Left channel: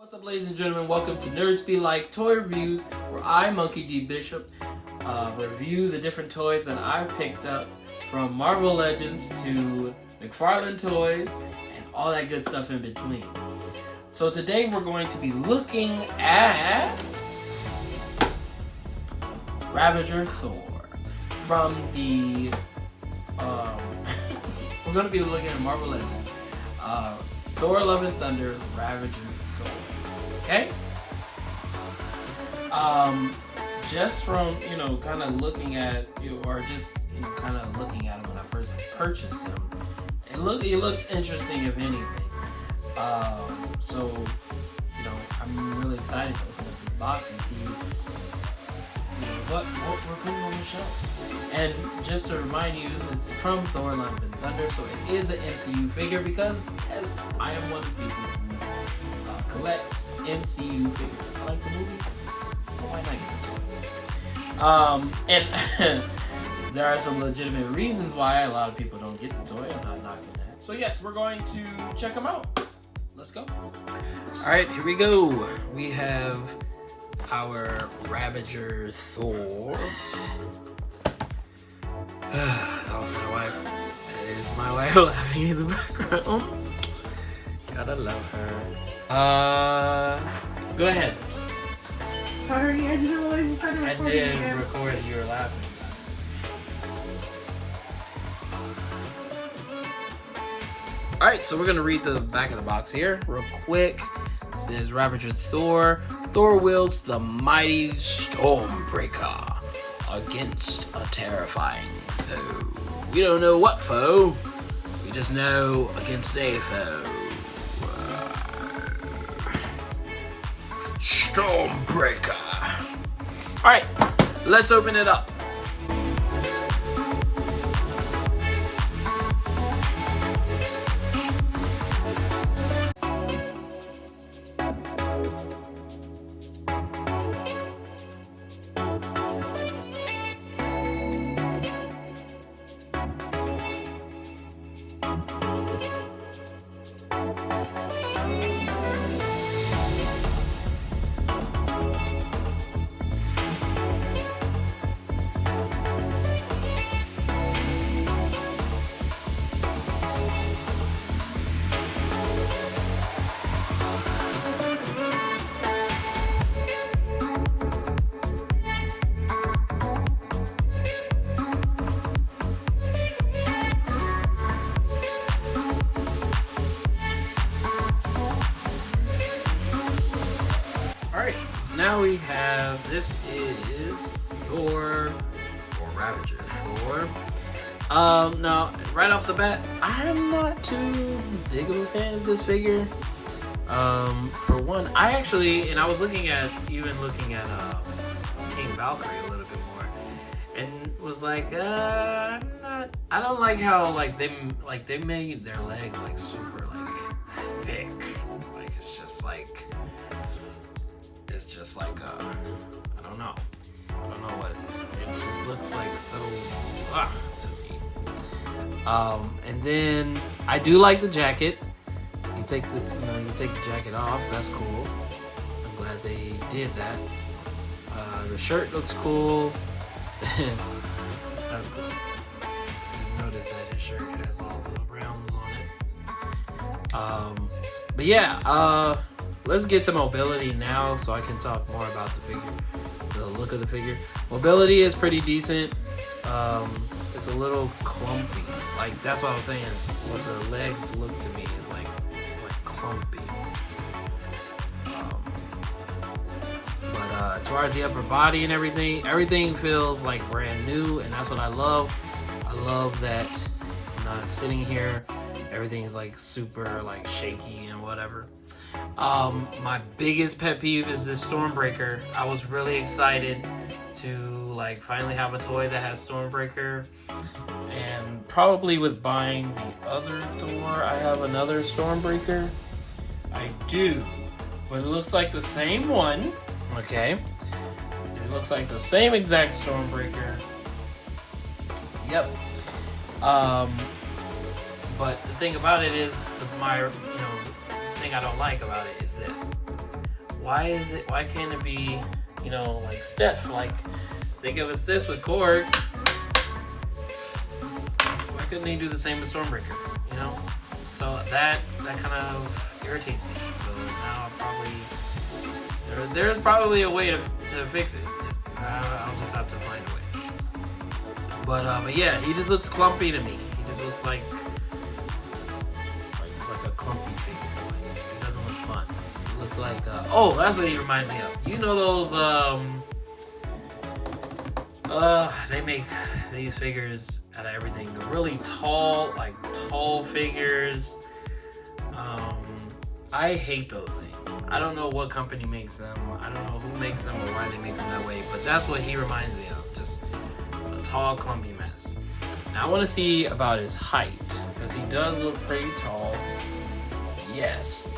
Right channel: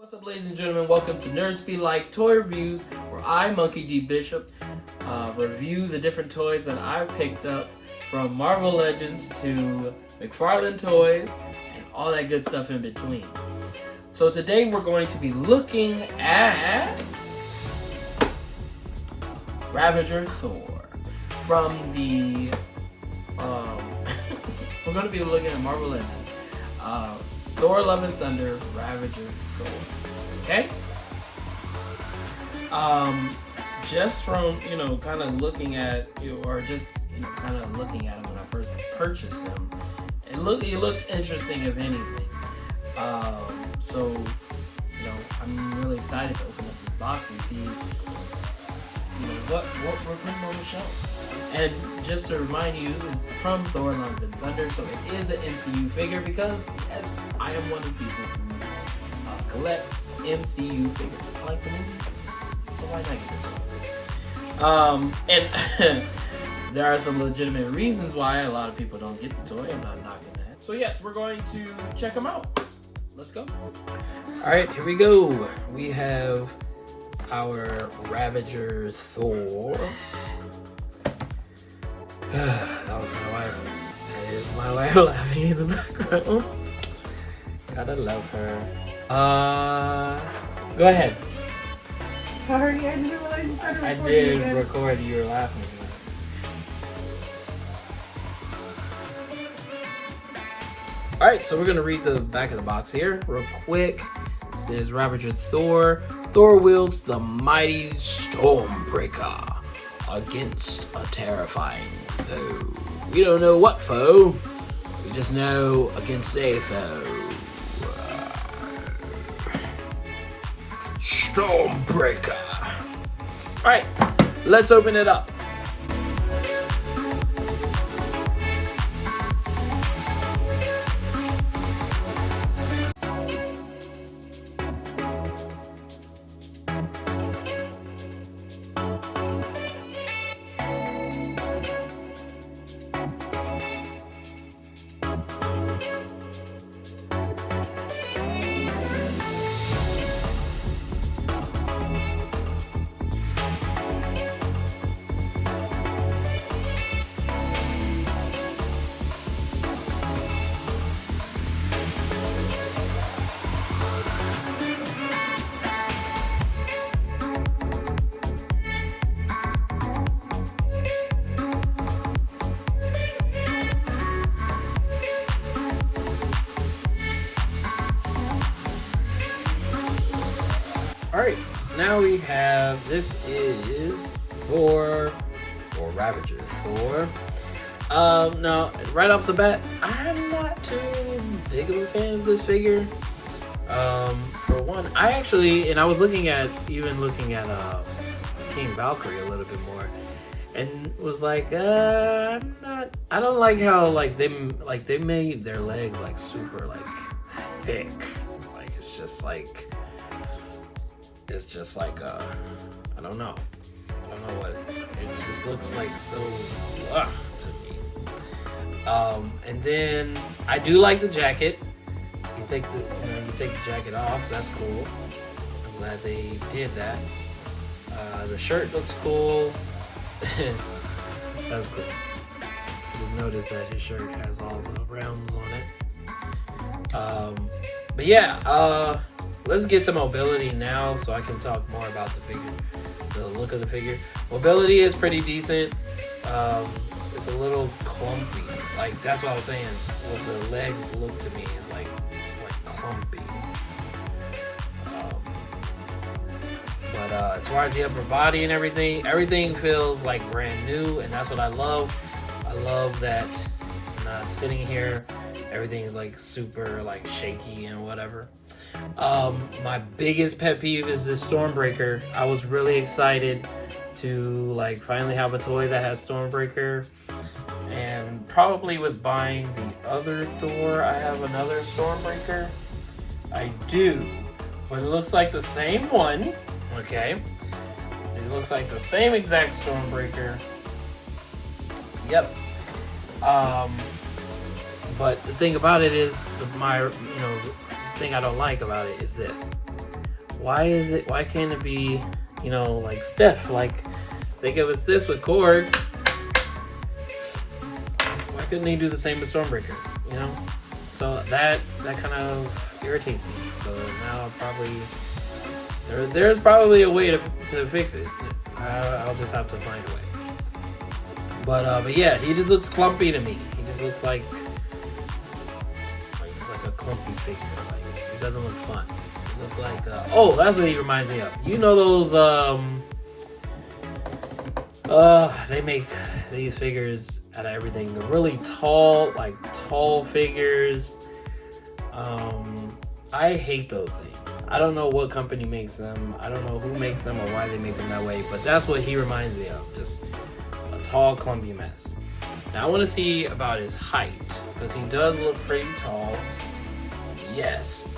What's up, ladies and gentlemen? Welcome to NerdsBLike Toy Reviews, where I, Monkey D. Bishop, review the different toys that I picked up from Marvel Legends to McFarlane Toys and all that good stuff in between. So today we're going to be looking at Ravager Thor from the we're going to be looking at Marvel Legends Thor Love and Thunder Ravager Thor. Okay? Just from, kind of looking at, or just, kind of looking at him when I first purchased him, it looked interesting, if anything. So, I'm really excited to open up this box and see, what we're putting on the shelf. And just to remind you, it's from Thor Love and Thunder, so it is an MCU figure because, yes, I am one of the people who collects MCU figures. I like the movies, so why not get the toy? And there are some legitimate reasons why a lot of people don't get the toy. I'm not knocking that. So yes, we're going to check them out. Let's go. All right, here we go. We have our Ravager Thor. That was my wife. That is my wife laughing in the background. Gotta love her. Go ahead. Sorry, I didn't realize you started recording. I did record and you were laughing. Alright, so we're gonna read the back of the box here real quick. It says Ravager Thor. Thor wields the mighty Stormbreaker against a terrifying foe. We don't know what foe. We just know against a foe. Stormbreaker. Alright, let's open it up. Alright, now we have, this is Thor, or Ravager Thor. Now, right off the bat, I'm not too big of a fan of this figure. For one, I was looking at Team Valkyrie a little bit more, and was like, I don't like how, they made their legs, super, thick. I don't know what, it just looks like so, to me. And then, I do like the jacket. You take the jacket off, that's cool. I'm glad they did that. The shirt looks cool. That's cool. I just noticed that his shirt has all the realms on it. But yeah, let's get to mobility now so I can talk more about the figure, the look of the figure. Mobility is pretty decent. It's a little clumpy. That's what I was saying. What the legs look to me is it's clumpy. But as far as the upper body and everything feels brand new, and that's what I love. I love that I'm not sitting here. Everything is super shaky and whatever. My biggest pet peeve is this Stormbreaker. I was really excited to finally have a toy that has Stormbreaker, and probably with buying the other Thor, I have another Stormbreaker. I do, but it looks like the same one. Okay, it looks like the same exact Stormbreaker. Yep. But the thing about it is, my thing I don't like about it is this. Why can't it be, you know, like stiff? Like they give us this with Korg. Why couldn't they do the same with Stormbreaker? You know? So that kind of irritates me. So now I'll probably there's probably a way to fix it. I'll just have to find a way. But yeah, he just looks clumpy to me. He just looks like a clumpy figure. Like he doesn't look fun. He looks like oh, that's what he reminds me of. You know those they make these figures out of everything. The really tall figures. I hate those things. I don't know what company makes them. I don't know who makes them or why they make them that way, but that's what he reminds me of. Just a tall, clumpy mess. Now I want to see about his height, because he does look pretty tall. Yes.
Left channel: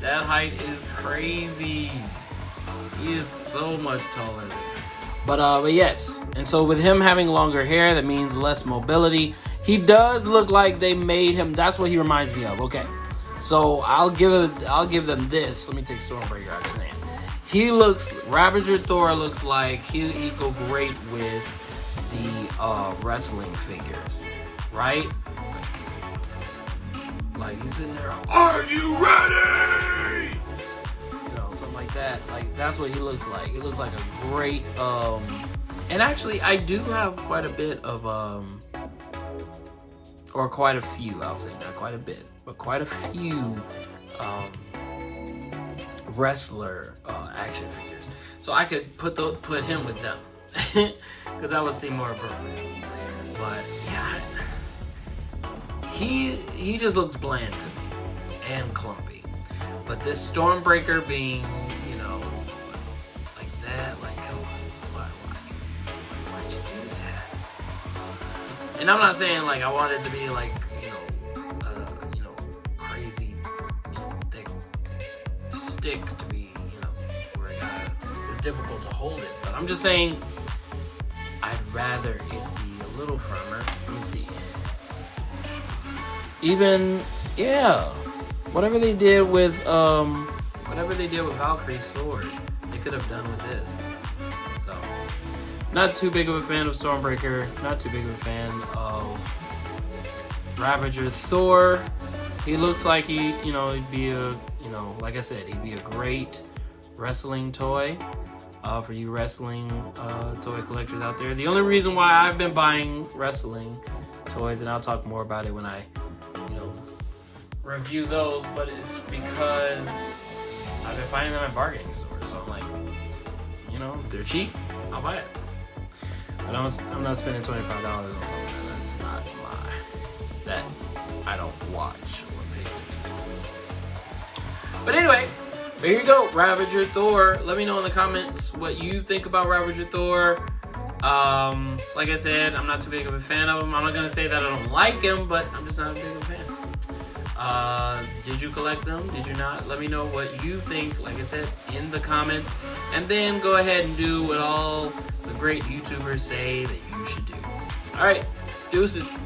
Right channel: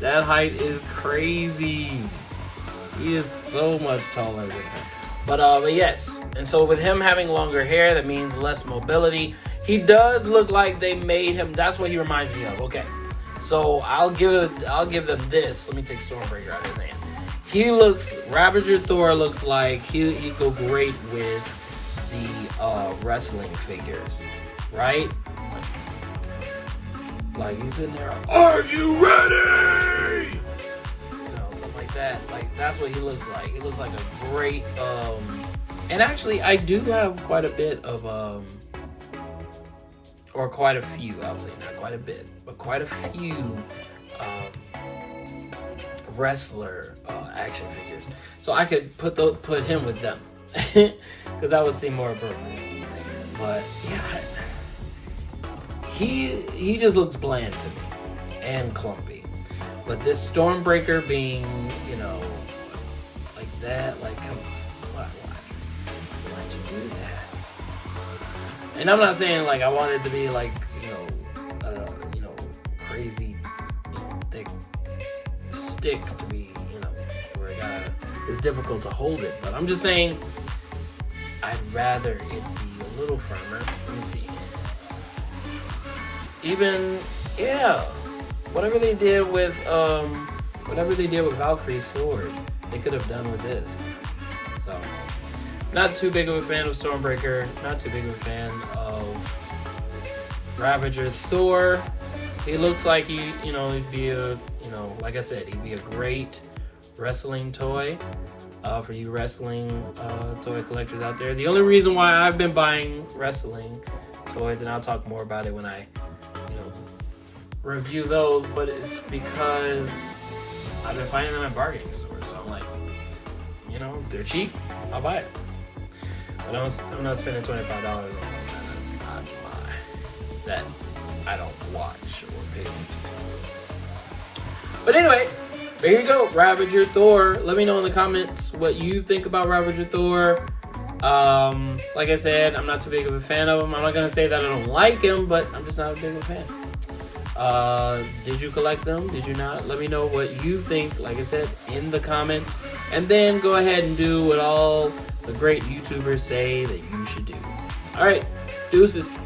That height is crazy. He is so much taller than her. But yes. And so with him having longer hair, that means less mobility. He does look like they made him. That's what he reminds me of. Okay. So I'll give them this. Let me take Stormbreaker out of his name. Ravager Thor looks like he'd go great with the wrestling figures, right? Like he's in there, are you ready? You know, something like that. Like that's what he looks like. He looks like a great and actually I do have quite a bit of or quite a few, I'll say, not quite a bit, but quite a few wrestler action figures. So I could put him with them, because that would seem more appropriate. But yeah, he just looks bland to me and clumpy. But this Stormbreaker being, you know, like that, like come on, why'd you do that? And I'm not saying like I want it to be like, you know, crazy, you know, thick stick to be, you know, where it's difficult to hold it. But I'm just saying I'd rather it be a little firmer. Let me see. Even, yeah, whatever they did with Valkyrie's sword, they could have done with this. So, not too big of a fan of Stormbreaker. Not too big of a fan of Ravager Thor. He looks like he'd be a, you know, like I said, he'd be a great wrestling toy for you wrestling toy collectors out there. The only reason why I've been buying wrestling toys, and I'll talk more about it when I, you know, review those, but it's because I've been finding them at bargaining stores. So I'm like, you know, if they're cheap, I'll buy it. But I'm not spending $25 on something that's not that I don't watch or pay attention to. But anyway, there you go, Ravager Thor. Let me know in the comments what you think about Ravager Thor. Like I said, I'm not too big of a fan of him. I'm not gonna say that I don't like him, but I'm just not a big of a fan. Did you collect them? Did you not? Let me know what you think, like I said, in the comments. And then go ahead and do what all the great YouTubers say that you should do. All right, deuces.